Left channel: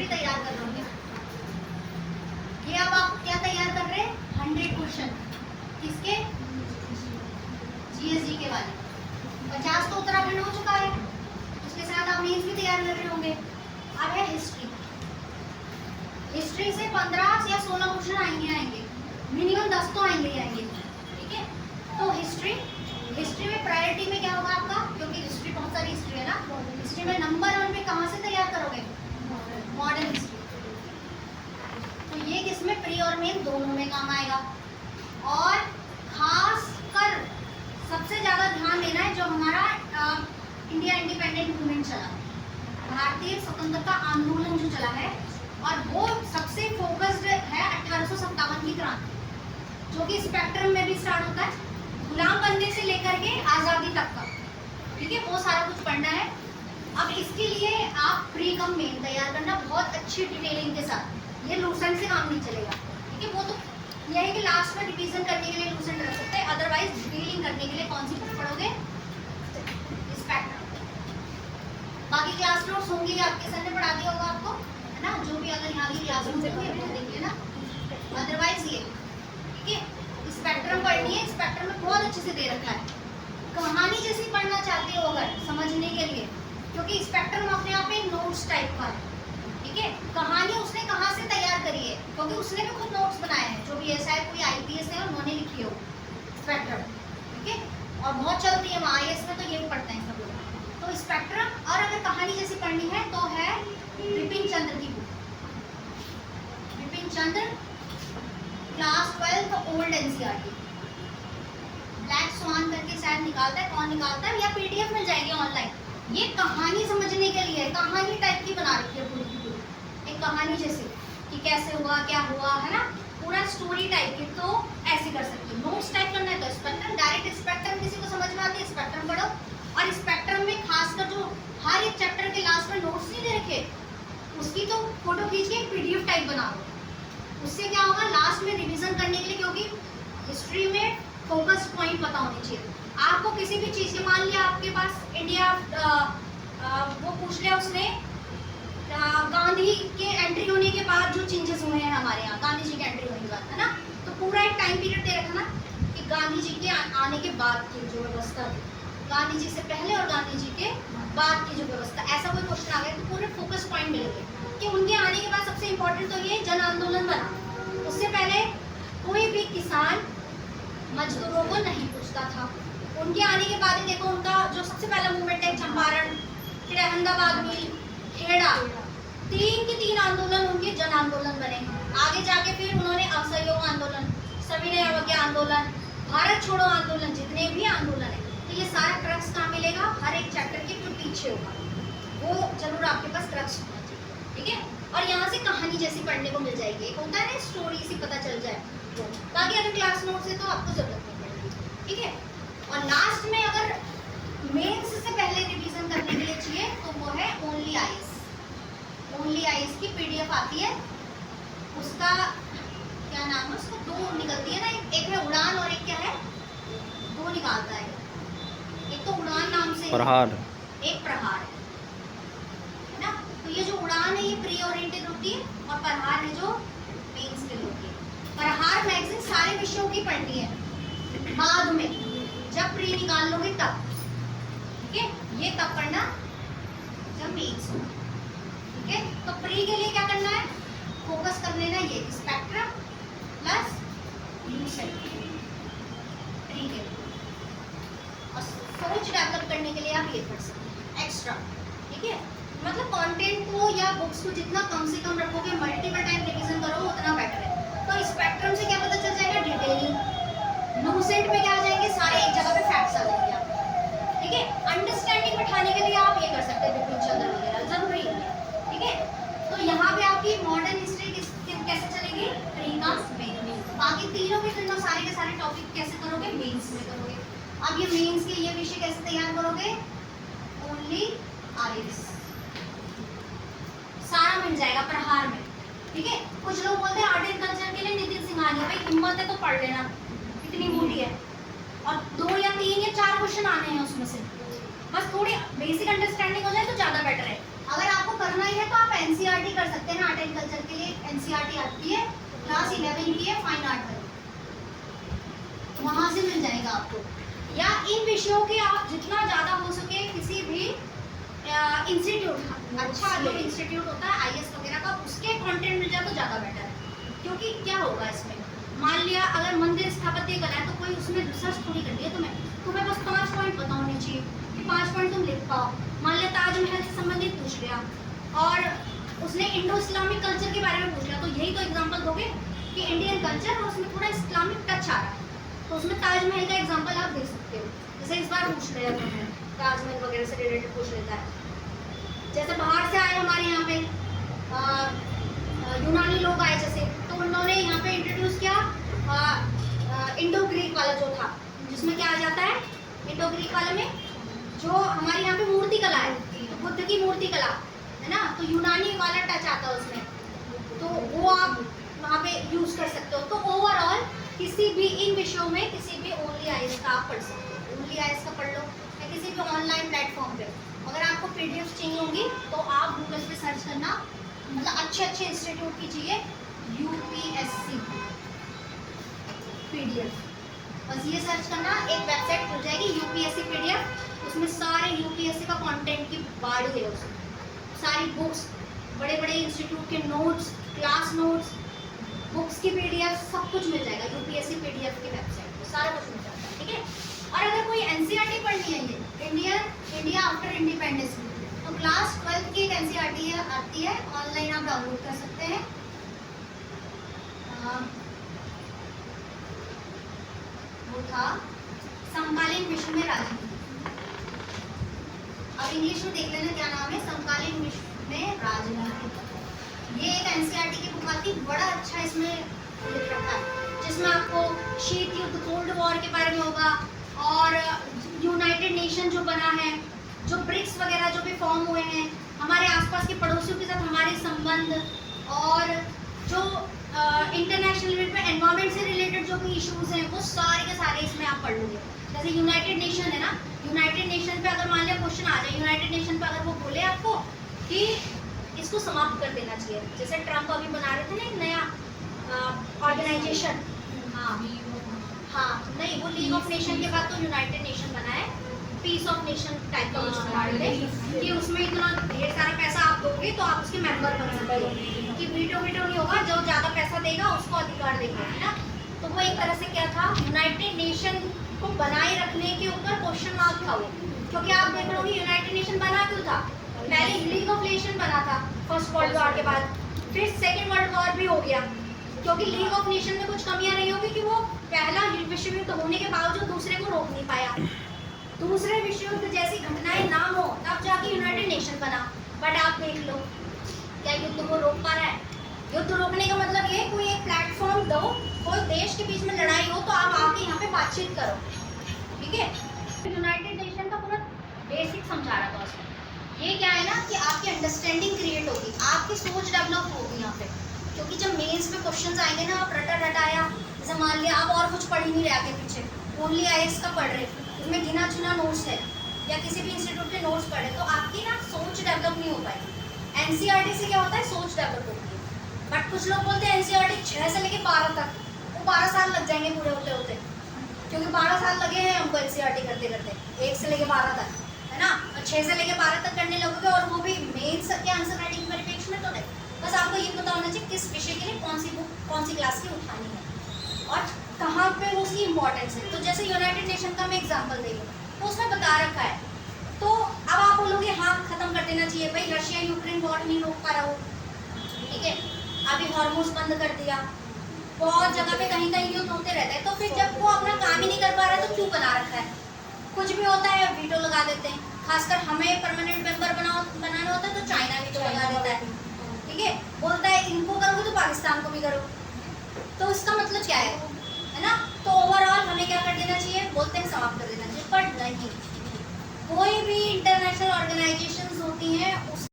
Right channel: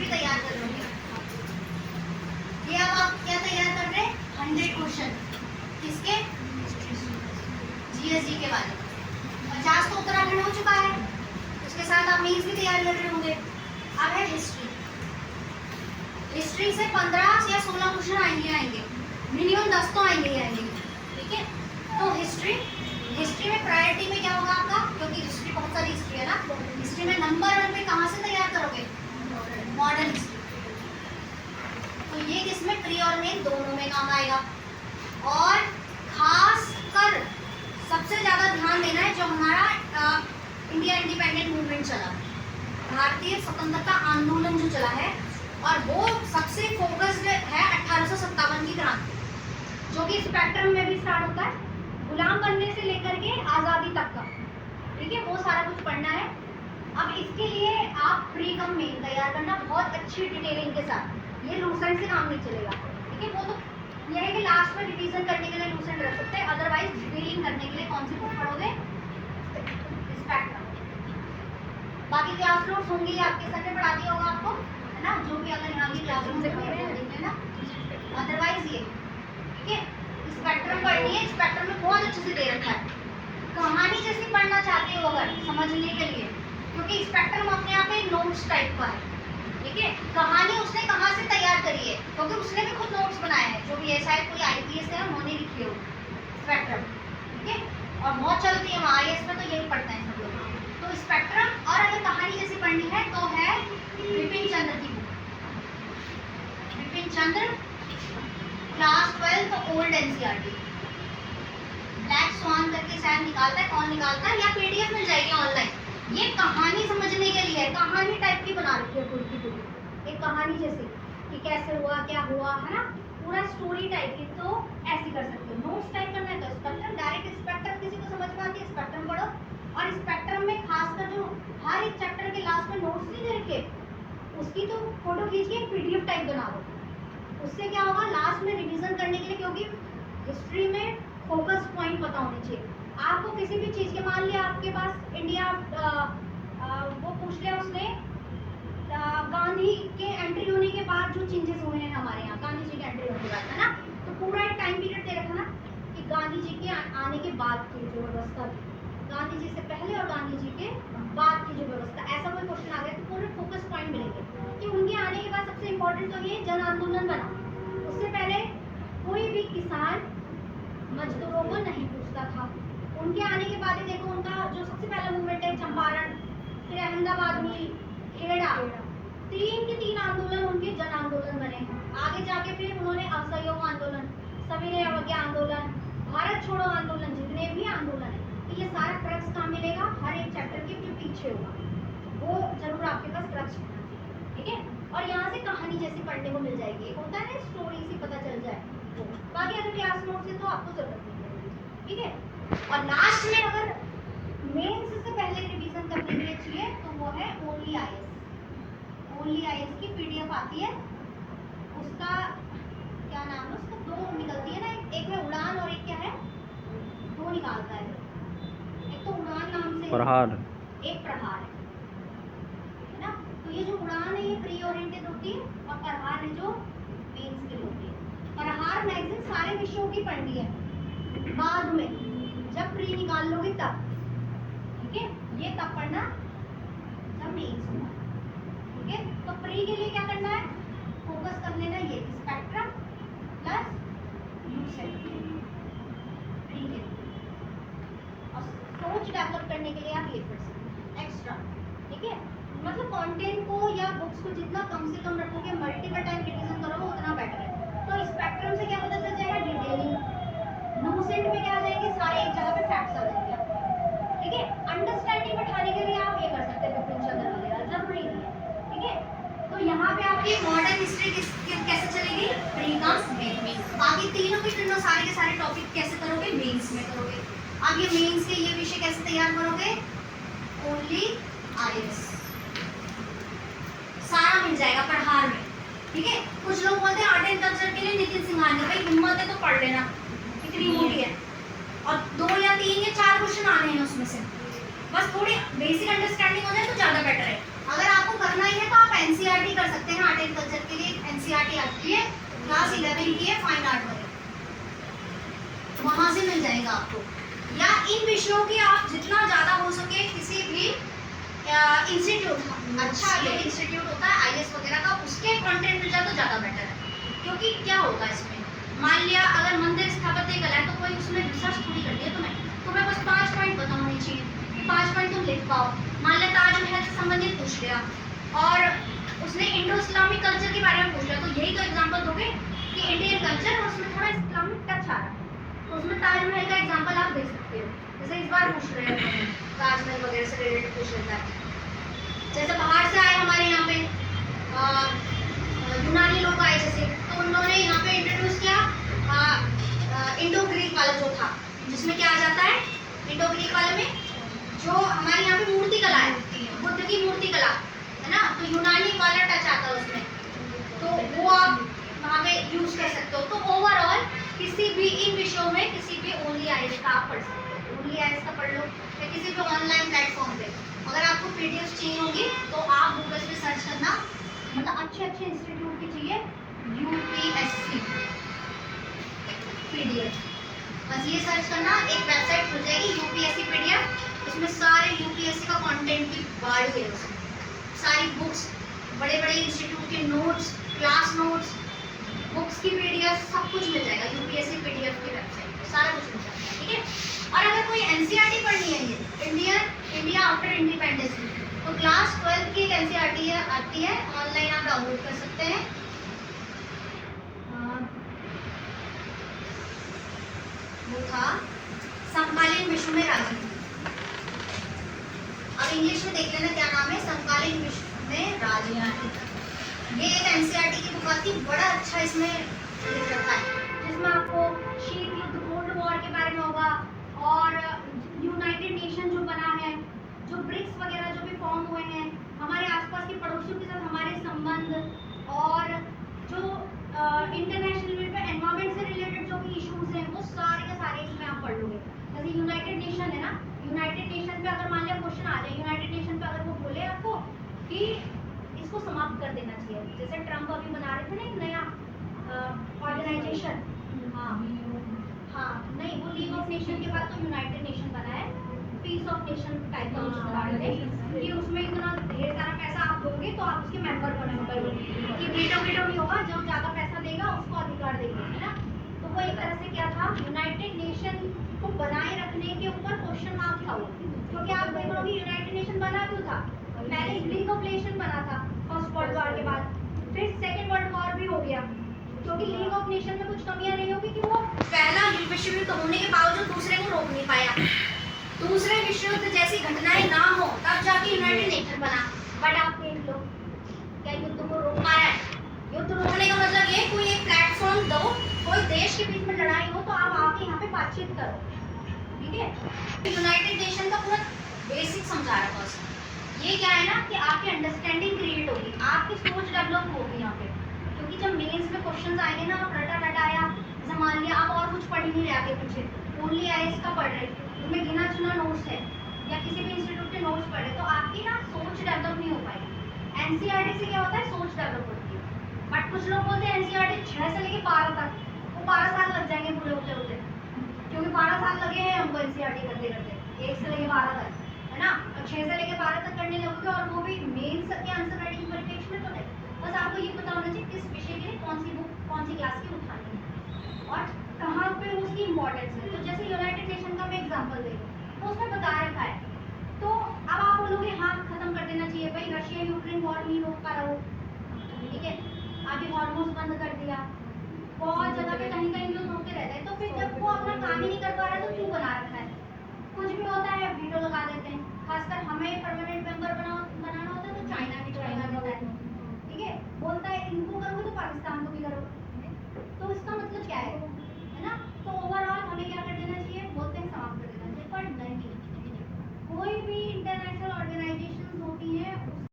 History तैयार कर रहे होंगे। ये अब आप क्या तैयार कर रहे हैं? 100 क्वेश्चन किसके? जीएसजी के बारे में। 50 तो उत्तराखंड हो चुका है, उसके साथ आप मेंस भी तैयार कर रहे होंगे। अब है हिस्ट्री। हिस्ट्री से 15 या 16 क्वेश्चन आएंगे, मिनिमम 10 तो आएंगे। ठीक है, तो हिस्ट्री में प्रायोरिटी में क्या होगा आपका? क्योंकि हिस्ट्री बहुत सारी हिस्ट्री है ना, हिस्ट्री में नंबर 1 पे कहाँ से तैयार करोगे? Modern history. तो ये किसमें? प्री और मेन दोनों में काम आएगा। और खास कर सबसे ज़्यादा ध्यान देना है जो हमारा इंडिया इंडिपेंडेंट मूवमेंट चला, भारतीय स्वतंत्रता आंदोलन जो चला है, और वो सबसे फोकस्ड है 1857 की क्रांति, जो कि स्पेक्ट्रम में भी स्टार्ट होता है, गुलाम बनने से लेकर के आज़ादी तक का। ठीक है, वो सारा कुछ पढ़ना है। अब इसके लिए आप प्री कम मेन तैयार करना बहुत अच्छी डिटेलिंग के साथ। ये लूसेंट से काम नहीं चलेगा। ठीक है, वो तो यह है कि लास्ट में रिवीजन करने के लिए लूसेंट रख सकते हैं, अदरवाइज डिटेलिंग करने के लिए कौन सी बुक पढ़ोगे? स्पेक्ट्रम। बाकी क्लास नोट्स होंगी, आपके सर ने पढ़ा दिया होगा आपको, है ना, जो भी अगर यहाँ की क्लास नोट्स देख लेना। अदरवाइज ये ठीक है, स्पेक्ट्रम पढ़नी है। स्पेक्ट्रम में बहुत अच्छे से दे रखा है। कहानी जैसी पढ़ना चाहते हो अगर समझने के लिए, क्योंकि स्पेक्ट्रम अपने आप में एक नोट्स टाइप का है। ठीक है, कहानी उसने कहाँ से तैयार करी है? क्योंकि उसने भी खुद नोट्स बनाए हैं, जो भी ऐसा है कोई आईपीएस है उन्होंने लिखी हो स्पेक्ट्रम। ठीक है, और बहुत चलती है आईएएस में, तो यही पढ़ते हैं सब लोग। तो स्पेक्ट्रम, और अगर कहानी जैसी पढ़नी है तो है विपिन चंद्र की बुक। विपिन चंद्र class 12 old NCERT, black swan करके शायद निकालता है, कौन निकालता है, या पीडीएफ मिल जाएगी ऑनलाइन। ये कहानी समझने के लिए, कहानी टाइप की बना रखी है पूरी की पूरी, एक कहानी जैसे कि कैसे हुआ, क्या हुआ, है ना, पूरा स्टोरी टाइप की। तो ऐसे कर सकते हो। नोट्स टाइप करना है तो स्पेक्ट्रम, डायरेक्ट स्पेक्ट्रम किसी को समझ में आती है, स्पेक्ट्रम पढ़ो। और स्पेक्ट्रम में खासकर जो हर एक चैप्टर के लास्ट में नोट्स नहीं दे रखे, उसकी तो फोटो खींच के पीडीएफ टाइप बनाओ। उससे क्या होगा, लास्ट में रिवीजन करने के लिए, क्योंकि हिस्ट्री में फोकस पॉइंट पता होने चाहिए आपको किसी भी चीज़ के। मान लिया आपके पास इंडिया वो पूछ लिया उसने, गांधी के एंट्री होने के बाद जो चेंजेस हुए हैं हमारे यहाँ, गांधी जी के एंट्री होने के बाद, है ना, तो पूरा एक टाइम पीरियड दे रखा ना कि गांधी जी के आने के बाद की जो व्यवस्था थी, गांधी जी से पहले और गांधी जी के बाद की जो व्यवस्था, ऐसा कोई क्वेश्चन आ गया तो पूरे फोकस पॉइंट मिलेंगे कि उनके आने के बाद सबसे इम्पोर्टेंट तो ये जन आंदोलन बना। उससे पहले कोई भी किसान मजदूरों को नहीं पूछता था। उनके आने के बाद ही देखो उनका जो सबसे पहला मूवमेंट है चंपारण, फिर अहमदाबाद हुई, खेड़ा, 3 के 3 आंदोलन उनके जन आंदोलन बने। आगे जाके फिर उन्होंने असहयोग आंदोलन, सविनय अवज्ञा आंदोलन, भारत छोड़ो आंदोलन, जितने भी आंदोलन है, तो ये सारा ट्रक्स कहाँ मिलेगा? हर एक चैप्टर के जो पीछे होगा वो जरूर आपके पास ट्रक्स होना चाहिए। ठीक है, और यहाँ से कहानी जैसी पढ़ने को मिल जाएगी। एक होता है ना स्टोरी सी पता चल जाए, तो बाकी अगर क्लास नोट्स है तो आपको जरूरत नहीं पड़ेगी। ठीक है, और लास्ट में अगर मेंस से पहले रिवीजन करने के लिए चाहिए तो वो है ओनली आईएएस। ओनली आईएएस की पीडीएफ आती है, उसका क्या नाम है, उसको 2 निकलती है ना, एक है उड़ान और एक क्या है, 2 निकालता है। एक तो उड़ान नाम से प्रहार, एक प्रहार है ना। तो ये जो उड़ान है ये प्री ओरिएंटेड होती है, और प्रहार है जो मेंस के लिए होती है। प्रहार मैगजीन सारे विषयों की पढ़नी है बाद में, जब प्री निकाल लोगे तब। ठीक है, ये तब पढ़ना जब मेंस हो। ठीक है, तो प्री के लिए क्या करना है, फोकस कर लेना ये स्पेक्ट्रम प्लस लूसेंट प्री के लिए, और सोच डेवलप करने के लिए आप ये पढ़ सकते हैं एक्स्ट्रा। ठीक है, मतलब कंटेंट को या बुक्स को जितना कम से कम रखोगे, मल्टीपल टाइम रिवीजन करो, उतना बेटर है। तो स्पेक्ट्रम से क्या पता चल जाएगा, डिटेलिंग। लूसेंट में क्या आ जाएंगे, सारे एक जगह पे फैक्ट्स आ जाएंगे आपको। ठीक है, अंडरस्टैंडिंग बैठाने के लिए आप ये कर सकते हैं, विपिन चंद्र वगैरह जरूरी नहीं है। ठीक है, तो यहाँ पे आपकी मॉडर्न हिस्ट्री कैसे चलेगी, प्री कम मेन। बाकी तीनों के तीनों सारे के सारे टॉपिक कैसे करोगे, मेंस में करोगे। अब ये मेंस के ये विषय कैसे तैयार करोगे, ओनली आईएएस सारा मिल जाएगा प्रहार में। ठीक है, कुछ लोग बोलते हैं आर्ट एंड कल्चर के लिए नितिन सिंघानिया, भाई हिम्मत है तो पढ़ लेना, इतनी मोटी है, और 2 या 3 या 4 क्वेश्चन आने हैं उसमें से, बस थोड़ी बेसिक अंडरस्टैंडिंग हो जाए तो ज़्यादा बेटर है। अगर आपको करना ही है तो आप एनसीईआरटी एनसीईआरटी कर सकते हैं आर्ट एंड कल्चर के लिए। एनसीईआरटी आती है क्लास 11 की है, फाइन आर्ट वाली, वहां से मिल जाएगा आपको। या इन विषयों के आप जितना ज़्यादा हो सके किसी भी इंस्टीट्यूट, अच्छा जो इंस्टीट्यूट होता है आईएएस वगैरह का, उसके कंटेंट मिल जाए तो ज़्यादा बेटर है। क्योंकि क्या होगा इसमें, मान लिया अगर मंदिर स्थापत्य कला है तो कोई उसमें रिसर्च थोड़ी करती है तुम्हें बस 5 पॉइंट पता होनी चाहिए कि 5 पॉइंट तुम लिख पाओ। मान लिया ताजमहल से संबंधित पूछ लिया और उसने इंडो इस्लामिक कल्चर के बारे में पूछ लिया, तो यही तो एग्जाम्पल दोगे कि इंडियन कल्चर और उसमें थोड़ा इस्लामिक टच आ रहा है, तो उसमें ताजमहल का एग्जाम्पल आप दे सकते हो। जैसे इस बार पूछ रहे हैं ताजमहल वगैरह से रिलेटेड पूछ लेता है। जैसे बाहर से आए हमारे यहाँ पे यूनानी लोग आए जैसे, तो उन्होंने यहाँ पे इंट्रोड्यूस किया इंडो ग्रीक वाला जो था, जिसमें क्या आ जाता है इंडो ग्रीक वाले में जो हमारे यहाँ पे मूर्ति कला है, बुद्ध की मूर्ति कला है ना, तो यूनानी वाला टच आता है उसमें, तो वो आप वहाँ पे यूज कर सकते हो। तो ओवरऑल किसी भी इन विषयों में किसी भी ओनली आईएएस का आप पढ़ सकते हो, ओनली आईएएस का पढ़ लो, या किसी भी ऑनलाइन प्लेटफॉर्म पे। अगर आपको पीडीएफ चाहिए होंगी तो आप गूगल पे सर्च करना, मतलब अच्छे इंस्टीट्यूट की चाहिए यूपीएससी पीडीएफ, बस ये सर्च करना, एक वेबसाइट खुल जाएगी यूपीएससी पीडीएफ, उसमें सारे यूपीएससी का कंटेंट की बाढ़ है, उसमें सारी बुक्स, बड़े बड़े इंस्टीट्यूट के नोट्स, क्लास नोट्स, बुक्स की पीडीएफ, सब कुछ मिल जाएगा यूपीएससी पीडीएफ की वेबसाइट पे, सारा कुछ मिल जाएगा, ठीक है। और अगर कोई एनसीईआरटी पढ़नी है, ये इंडिया आफ्टर इंडिपेंडेंस, तो क्लास 12 की एक एनसीईआरटी आती है, ऑनलाइन आप डाउनलोड कर सकते हैं। वो था समकालीन विश्व में राजनीति, अब इंग्लिश में देख लेना क्या नाम है, समकालीन विश्व में राजनीति। ये एक एनसीईआरटी की बुक आती है, बड़ा अच्छा इसमें लिख रखा है, जिसमें आपको शीत युद्ध, कोल्ड वॉर के बारे में होगा, और यूनाइटेड नेशन जो बना है, जो ब्रिक्स वगैरह जो भी फॉर्म हुए हैं, हमारे आसपास के पड़ोसियों के साथ हमारे संबंध, और जो इंटरनेशनल लेवल पे एनवायरनमेंट से रिलेटेड जो भी इश्यूज हैं वो सारे के सारे इसमें आप पढ़ लोगे। जैसे यूनाइटेड नेशन है ना, यूनाइटेड नेशन पे अगर मान लिया क्वेश्चन आ जाए, यूनाइटेड नेशन पे अगर वो बोले आपको कि इसको समाप्त कर देना चाहिए, जैसे ट्रम्प अभी बना रहे थे ना एक नया ऑर्गेनाइजेशन, हाँ नहीं, वो लीग ऑफ नेशन के बाद तो यूनाइटेड नेशन बना है, पीस ऑफ नेशन टाइप का कुछ बना रहे थे कि उसमें इतना ढेर सारा पैसा आप दोगे तो आप उसके मेंबर बन सकते हो, कि वीटो नहीं होगा, जो ज़्यादा पैसा देगा उसको अधिकार देगा, है ना। तो वो एक तरह से क्या था, यूनाइटेड नेशन को बनाए रखने के ऊपर क्वेश्चन मार्क था वो, क्योंकि आप देख रहे हो यूनाइटेड नेशन बना क्यों था, पहले लीग ऑफ नेशन बना था फर्स्ट वर्ल्ड वॉर के बाद, फिर सेकेंड वर्ल्ड वॉर भी हो गया, क्योंकि लीग ऑफ नेशन में कुछ कमियां रही होगी कि वो पहला विश्व युद्ध होने के बावजूद दूसरे को रोक नहीं पाया, दूसरे विश्व युद्ध जैसी घटनाएं ना हो तब जाके यूनाइटेड नेशन बना। बट आप देख लो क्या युद्ध को रोक पा रहा है, युद्ध रोकने का मतलब ये कोई एक प्लेटफॉर्म दो, कोई देश के बीच में लड़ाई हो तो आप आके यहाँ पे बातचीत करो, ठीक है। यूनाइटेड नेशन का पूरा बेसिक समझा रहा था उसने, ये क्या है ना कि आपकी अंडरस्टैंडिंग क्रिएट होगी, आपकी सोच डेवलप होगी यहाँ पे, क्योंकि जब मेंस में क्वेश्चंस आएंगे ना, आप रटा रटाया, जैसे मान लिया आप और कुछ पढ़ ही नहीं रहे आगे पीछे, ओनली आईएएस का पढ़ रहे, उसमें गिना चुना नोट्स है या किसी भी इंस्टीट्यूट के नोट्स पढ़े, तो आपकी ना सोच डेवलप नहीं हो पाएगी। एनसीईआरटी से क्या होता है, सोच डेवलप होती है। बट कुछ लोग बोलते हैं एनसीईआरटी 6 से लेके 12 तक, वो 12 साल लग जाएंगे पूरे होते होते, क्योंकि 12 साल लगे हैं हमको एनसीईआरटी करते करते, 1 से लेके 12 तक, है ना, और 6 से लेके 12 तक करने लगोगे, और वो भी मेंस के आंसर राइटिंग परिप्रेक्ष्य में तो नहीं। बस आपको ये पता होना चाहिए किस विषय के लिए कौन सी बुक कौन सी क्लास की उठानी है और कहाँ पे उसकी इम्पोर्टेंस है। तो जैसे यूनाइटेड नेशन का मैं एग्जांपल देंगे तो उसमें बता रखा है, तो अब आप बोलोगे हाँ खत्म कर देना चाहिए भाई, रशिया यूक्रेन वॉर नहीं रोक पा रहा हो, ठीक है, अभी हॉर्मोज बंद कर दिया, बहुत जगह पे कहीं कहीं युद्ध होते रहते हैं, तो फिर जब वो अपना काम ही नहीं कर पा रहा है तो क्यों बना रखा है, कुछ भी होता है वीटो लगा देते हैं, खासकर हमें परमानेंट मेंबर बनाना होता है तो चाइना वीटो लगा देता है, ठीक है, बोलता है इनको करोगे तो पाकिस्तान को भी करो, तो इसका मतलब क्या है ना। तो ओवरऑल हमें क्या कर देना चाहिए, बोलते हैं समाप्त कर देना चाहिए, पर नहीं, कोई भी इंटरनेशनल ऑर्गेनाइजेशंस होती हैं